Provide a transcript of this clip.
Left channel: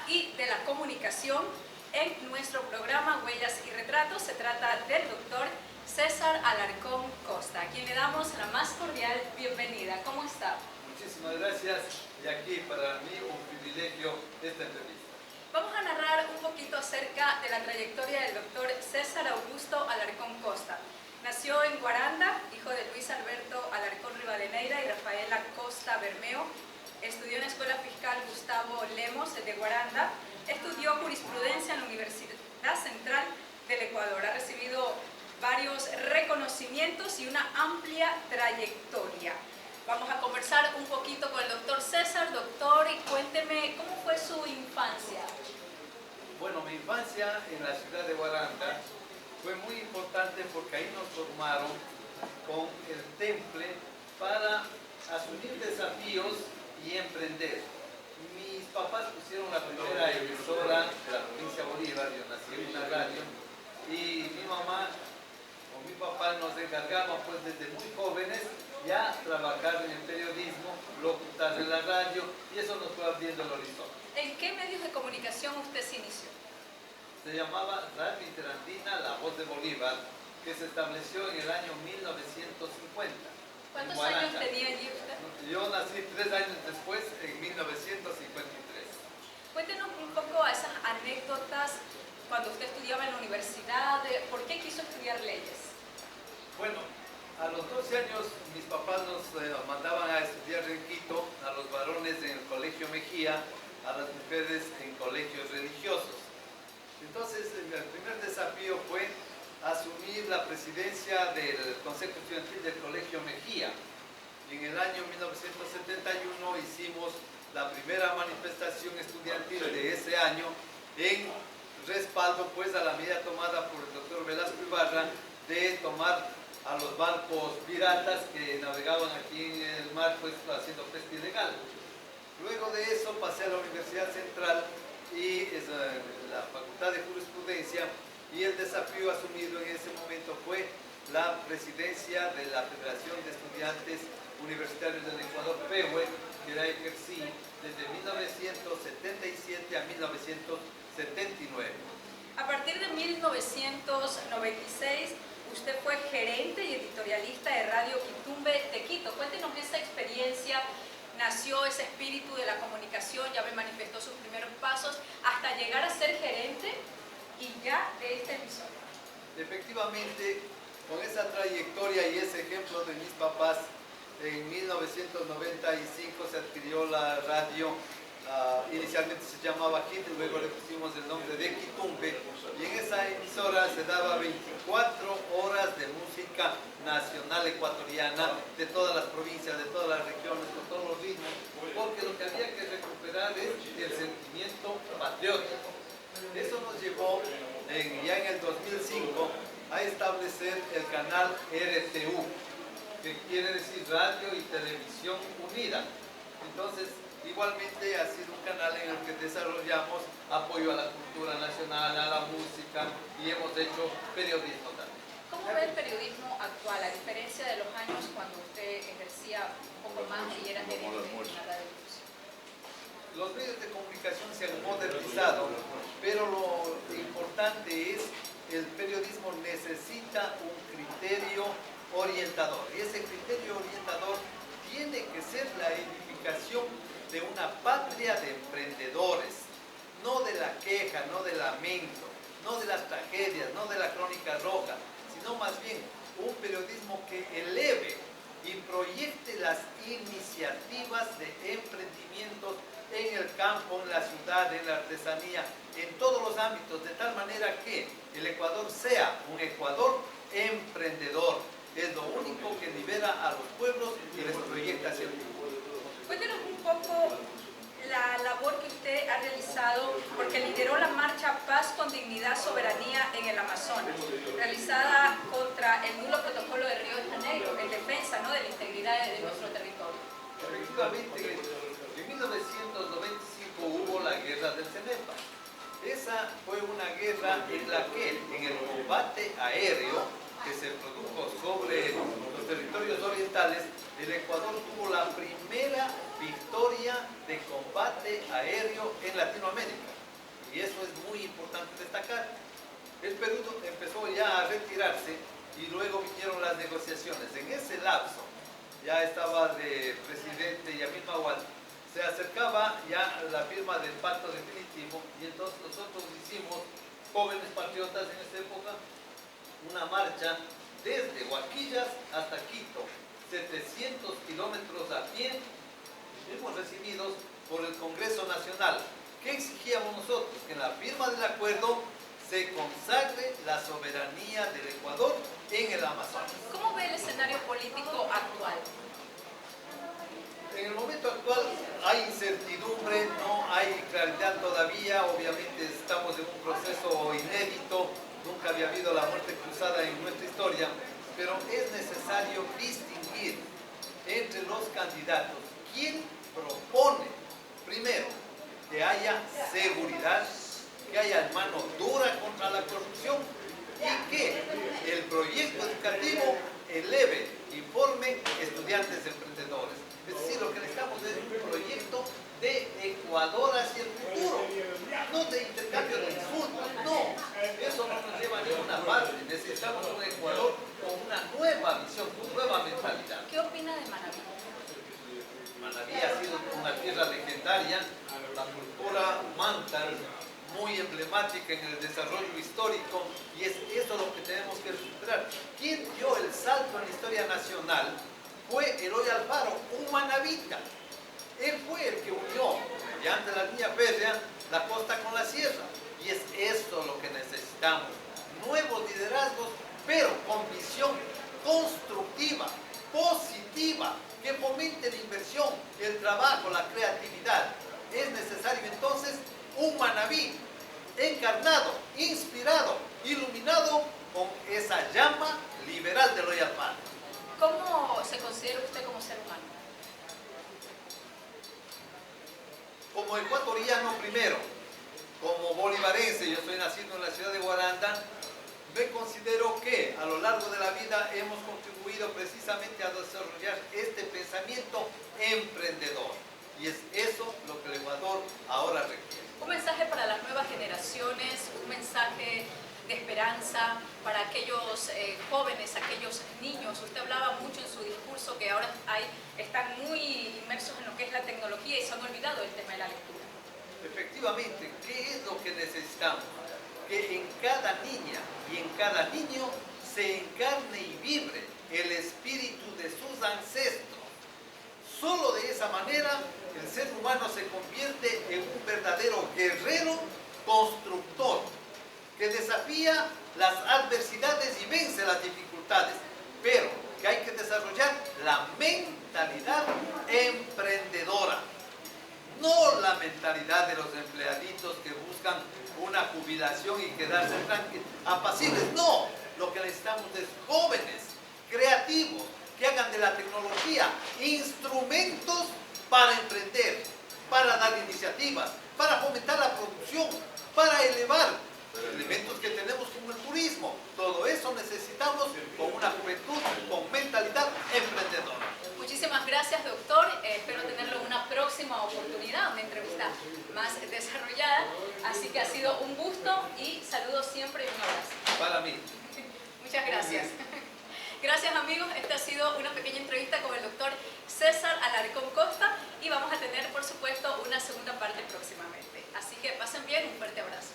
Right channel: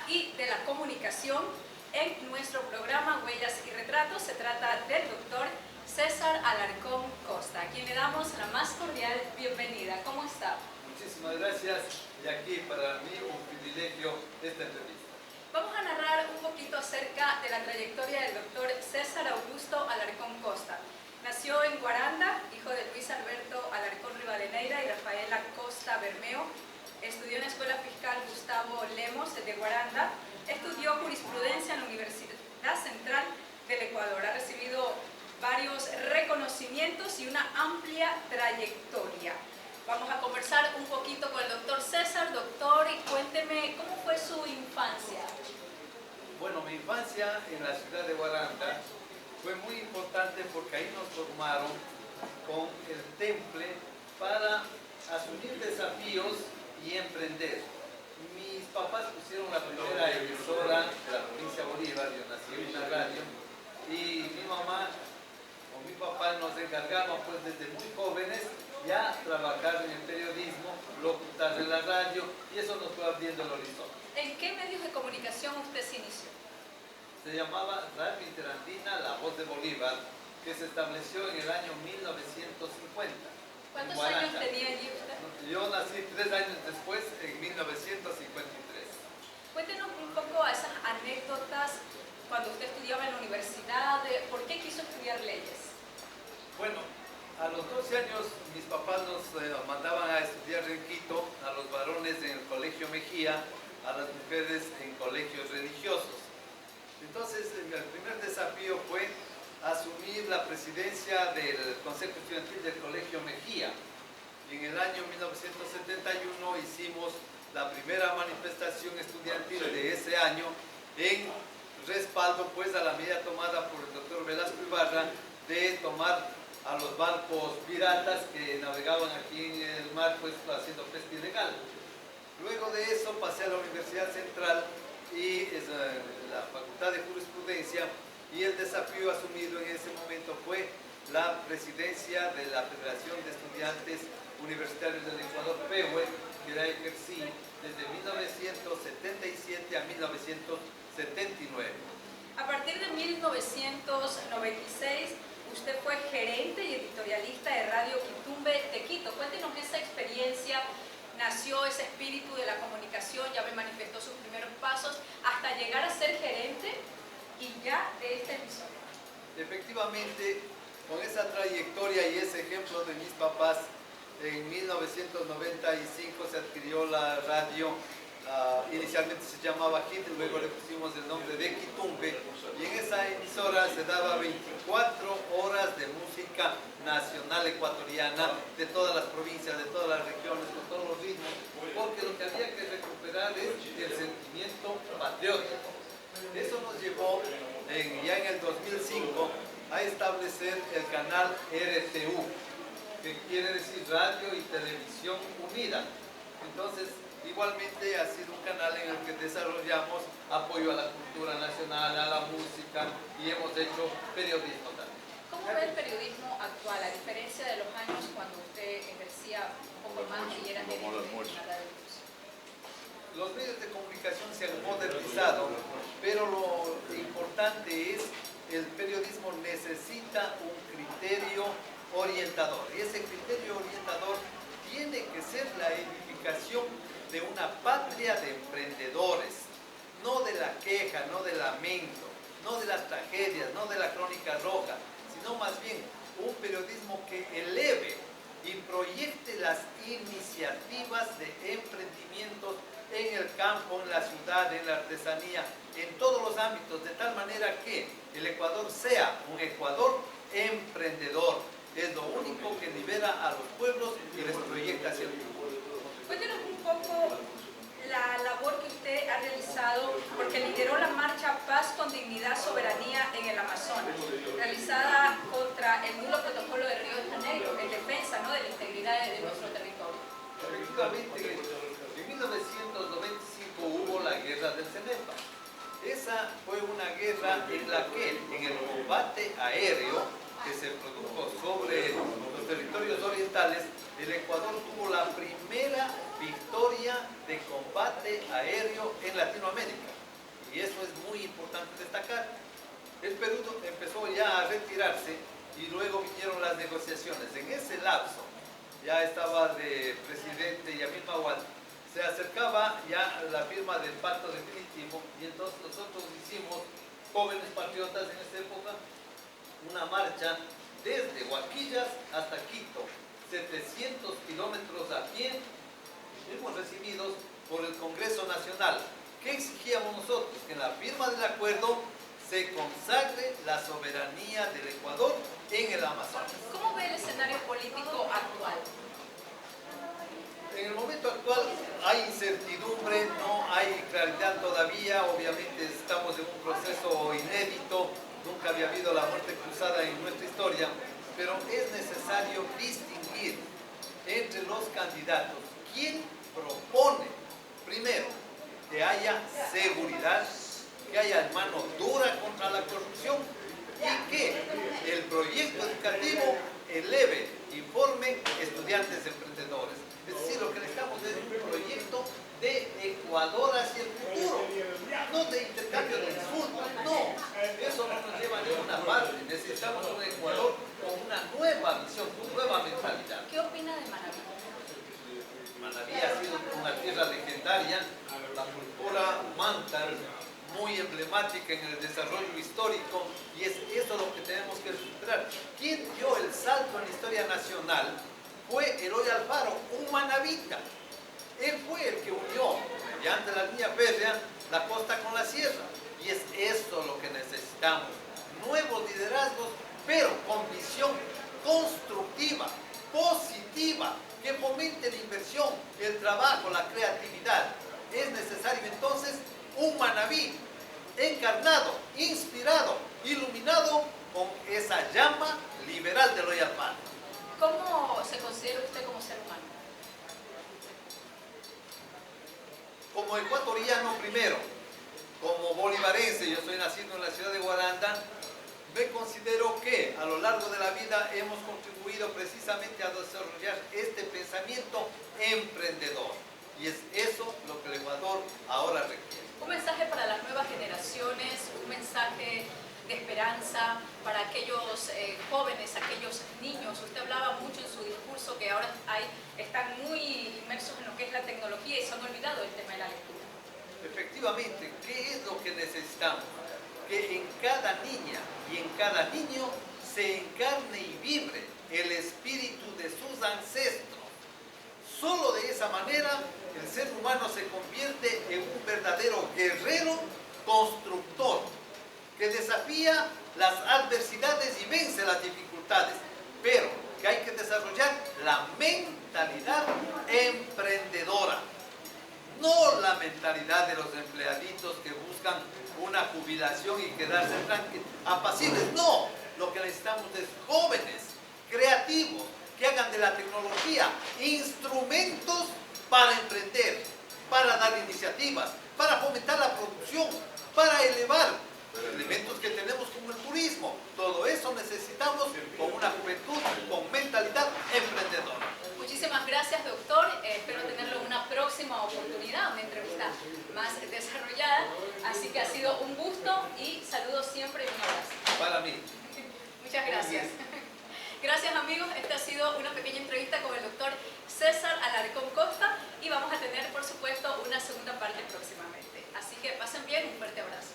Periodista y de la Comunicación. En nuestro programa Huellas y Retratos se trata del doctor César Alarcón Costa, a quien le damos la más cordial bienvenida. ¿Cómo está? Muchísimas gracias, y aquí para mí un privilegio esta entrevista. Vamos a narrar un poquito acerca de la trayectoria del doctor César Augusto Alarcón Costa. Nació en Guaranda, hijo de Luis Alberto Alarcón Rivadeneira y Rafaela Costa Bermeo. Estudió en la Escuela Fiscal Gustavo Lemos de Guaranda. Estudió jurisprudencia en la Universidad Central del Ecuador. Ha recibido varios reconocimientos y una amplia trayectoria. Vamos a conversar un poquito con el doctor César. Doctor, cuénteme, ¿cómo fue su infancia? Bueno, mi infancia en la ciudad de Guaranda fue muy importante porque ahí nos formaron con el temple para asumir desafíos y emprender. Mis papás pusieron la primera emisora de la provincia de Bolívar, yo nací en una radio, y mi mamá o mi papá nos encargaban pues desde muy jóvenes ya trabajar en el periodismo, locutar en la radio, y eso nos fue abriendo el horizonte. ¿En qué medios de comunicación usted se inició? Se llamaba Radio Interandina La Voz de Bolívar, que se estableció en el año 1950. ¿Cuántos años tenía allí usted? Yo nací 3 años después, en 1953. Cuéntenos un poco esas anécdotas cuando usted estudiaba en la universidad. ¿Por qué quiso estudiar leyes? Bueno, a los 12 años mis papás nos mandaban a estudiar en Quito, a los varones en el Colegio Mejía, a las mujeres en colegios religiosos. Entonces, el primer desafío fue asumir la presidencia del Consejo Estudiantil del Colegio Mejía. Y en el año 1971 hicimos la primera manifestación estudiantil de ese año en respaldo pues a la medida tomada por el doctor Velasco Ibarra de tomar a los barcos piratas que navegaban aquí en el mar pues haciendo pesca ilegal. Luego de eso pasé a la Universidad Central y la Facultad de Jurisprudencia, y el desafío asumido en ese momento fue la presidencia de la Federación de Estudiantes Universitarios del Ecuador, FEUE, que la ejercí desde 1977 a 1979. A partir de 1996, usted fue gerente y editorialista de Radio Quitumbe de Quito. Cuéntenos esa experiencia. Nació ese espíritu de la comunicación, ya me manifestó sus primeros pasos, hasta llegar a ser gerente y ya de esta emisora. Efectivamente, con esa trayectoria y ese ejemplo de mis papás, en 1995 se adquirió la radio, inicialmente se llamaba HIT, luego le pusimos el nombre de Quitumbe, y en esa emisora se daba 24 horas de música nacional ecuatoriana, de todas las provincias, de todas las regiones, con todos los ritmos, porque lo que había que recuperar es el sentimiento patriótico. Eso nos llevó ya en el 2005 a establecer el canal RTU, que quiere decir Radio y Televisión Unida. Entonces, igualmente ha sido un canal en el que desarrollamos apoyo a la cultura nacional, a la música, y hemos hecho periodismo también. ¿Cómo ve el periodismo actual, a diferencia de los años cuando usted ejercía un poco más y era gerente en la radio? Los medios de comunicación se han modernizado, pero lo importante es el periodismo necesita un criterio orientador, y ese criterio orientador tiene que ser la edificación de una patria de emprendedores, no de la queja, no del lamento, no de las tragedias, no de la crónica roja, sino más bien un periodismo que eleve y proyecte las iniciativas de emprendimientos en el campo, en la ciudad, en la artesanía, en todos los ámbitos, de tal manera que el Ecuador sea un Ecuador emprendedor. Es lo único que libera a los pueblos y les proyecta hacia el futuro. Cuéntenos un poco la labor que usted ha realizado, porque lideró la marcha Paz con Dignidad, Soberanía en el Amazonas, realizada contra el nulo protocolo de Río de Janeiro, en defensa, ¿no?, de la integridad de nuestro territorio. Efectivamente, en 1995 hubo la guerra del Cenepa. Esa fue una guerra en la que, en el combate aéreo que se produjo sobre los territorios orientales, el Ecuador tuvo la primera victoria de combate aéreo en Latinoamérica. destacar. El Perú empezó ya a retirarse y luego vinieron las negociaciones. En ese lapso ya estaba de presidente Yamil Mahuad, se acercaba ya la firma del pacto definitivo y entonces nosotros hicimos, jóvenes patriotas en esa época, una marcha desde Huaquillas hasta Quito, 700 kilómetros a pie, fuimos recibidos por el Congreso Nacional. ¿Qué exigíamos nosotros? Que en la firma del acuerdo se consagre la soberanía del Ecuador en el Amazonas. ¿Cómo ve el escenario político actual? En el momento actual hay incertidumbre, no hay claridad todavía, obviamente estamos en un proceso inédito, nunca había habido la muerte cruzada en nuestra historia, pero es necesario distinguir entre los candidatos quién propone, primero, que haya seguridad, que haya mano dura contra la corrupción y que el proyecto educativo eleve y forme estudiantes emprendedores. Es decir, lo que necesitamos es un proyecto de Ecuador hacia el futuro, no de intercambio de insultos, no, eso no nos lleva a ninguna parte. Necesitamos un Ecuador con una nueva visión, con nueva mentalidad. ¿Qué opina de Manabí? Manabí ha sido una tierra legendaria, la cultura manta, muy emblemática en el desarrollo histórico, y es eso lo que tenemos que recuperar. ¿Quién dio el salto en la historia nacional? Fue Eloy Alfaro, un manabita. Él fue el que unió, mediante la línea férrea, la costa con la sierra. Y es esto lo que necesitamos. Nuevos liderazgos, pero con visión constructiva, positiva, que fomente la inversión, el trabajo, la creatividad. Es necesario entonces un Manabí encarnado, inspirado, iluminado con esa llama liberal de Eloy Alfaro. ¿Cómo se considera usted como ser humano? Como ecuatoriano primero, como bolivarense, yo soy nacido en la ciudad de Guaranda, me considero que a lo largo de la vida hemos contribuido precisamente a desarrollar este pensamiento emprendedor. Y es eso lo que el Ecuador ahora requiere. Un mensaje para las nuevas generaciones, un mensaje de esperanza para aquellos jóvenes, aquellos niños. Usted hablaba mucho en su discurso que ahora están muy inmersos en lo que es la tecnología y se han olvidado del tema de la lectura. Efectivamente, ¿qué es lo que necesitamos? Que en cada niña y en cada niño se encarne y vibre el espíritu de sus ancestros. Solo de esa manera el ser humano se convierte en un verdadero guerrero constructor que desafía las adversidades y vence las dificultades, pero que hay que desarrollar la mentalidad emprendedora, no la mentalidad de los empleaditos que buscan una jubilación y quedarse tranquilos, apacibles. No, lo que necesitamos es jóvenes, creativos, que hagan de la tecnología instrumentos para emprender, para dar iniciativas, para fomentar la producción, para elevar los elementos que tenemos como el turismo. Todo eso necesitamos con una juventud con mentalidad emprendedora. Muchísimas gracias, doctor. Espero tenerlo en una próxima oportunidad, una entrevista más desarrollada. Así que ha sido un gusto y saludos siempre y un abrazo. Para mí. Muchas gracias. Gracias, amigos. Esta ha sido una pequeña entrevista con el doctor César Alarcón Costa y vamos a tener, por supuesto, una segunda parte próximamente. Así que pasen bien, un fuerte abrazo.